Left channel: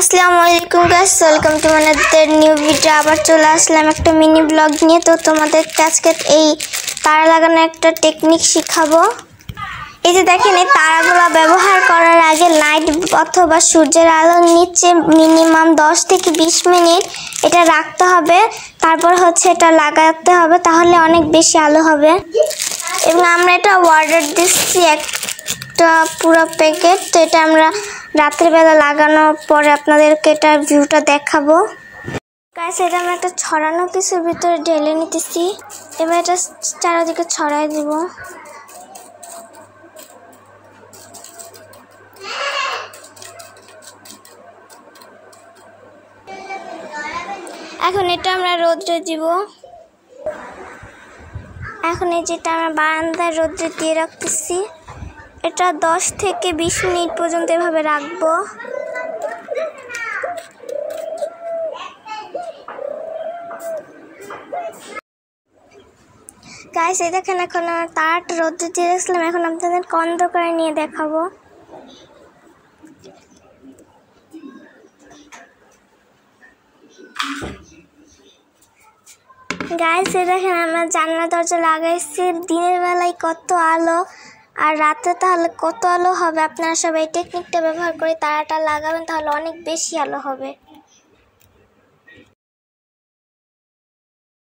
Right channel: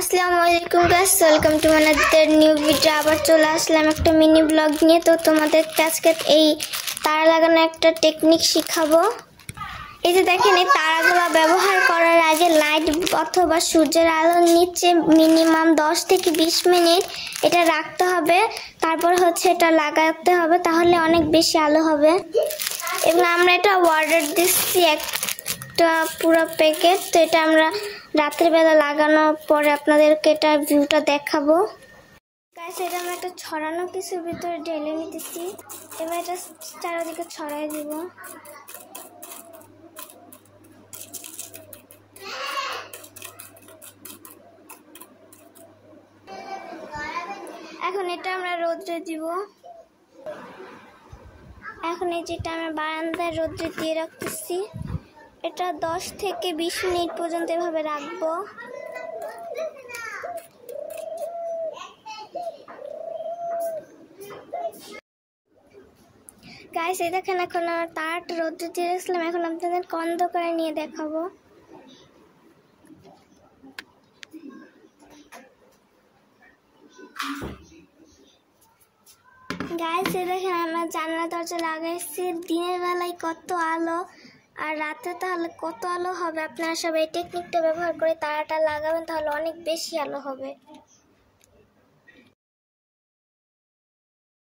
আসসালামু আলাইকুম guys, welcome to my new video. আবার চলে আসলাম একটা মিনি ব্লগ নিয়ে। তো তোমাদের আজকে এই তারা লাগানো একটা টেকনিক শিখাবো। এই যে দেখেন, এই তারাগুলো ব্যবহার করার আগে লাইট অথবা সূর্যের আলোর নিচে মিনিমাম 10 থেকে 20 মিনিট এটা রাখতে হবে। তারপর এটা লাগাতে হবে, তাহলে অনেক বেশি আলো হবে। এবং আমরা এটা অর্ডার দিচ্ছি একটা পুরো প্যাকেট। তো এটা আমরা রাত্রিবেলা লাগানোর পরে আপনাদেরকে এটা ভিউটা দেখাবো। গাইস, এটা আমরা একটা ছড়ানো কিছুর ভিতরে ঢেলে নিতেছি। এবার এটা চারিদিকে ছড়াই দিব। এখন এটা আমরা রোদ্রে দিব। এখন এই যেটা আমরা বারান্দায় রোদ্রে দিয়ে রাখতেছি, এটা 10 থেকে 20 মিনিট পর্যন্ত এভাবে রাখবো। গাইস, এই দেখেন, এখন আমার তারাটা রোদ্রে দিয়ে রাখলাম। এখন আপনাদের অন্ধকারে নিয়ে দেখাবো। গাইস, এই দেখেন, আমরা জানলা দরজা লাগাইছি। দিনের বেলায় কত আলো আর রাতে তাহলে কত আলো হবে। আপনারা সবাই এই টেকনিকটা ব্যবহার করে তারাটা লাগাবেন, তাহলে অনেক বেশি আলো হবে।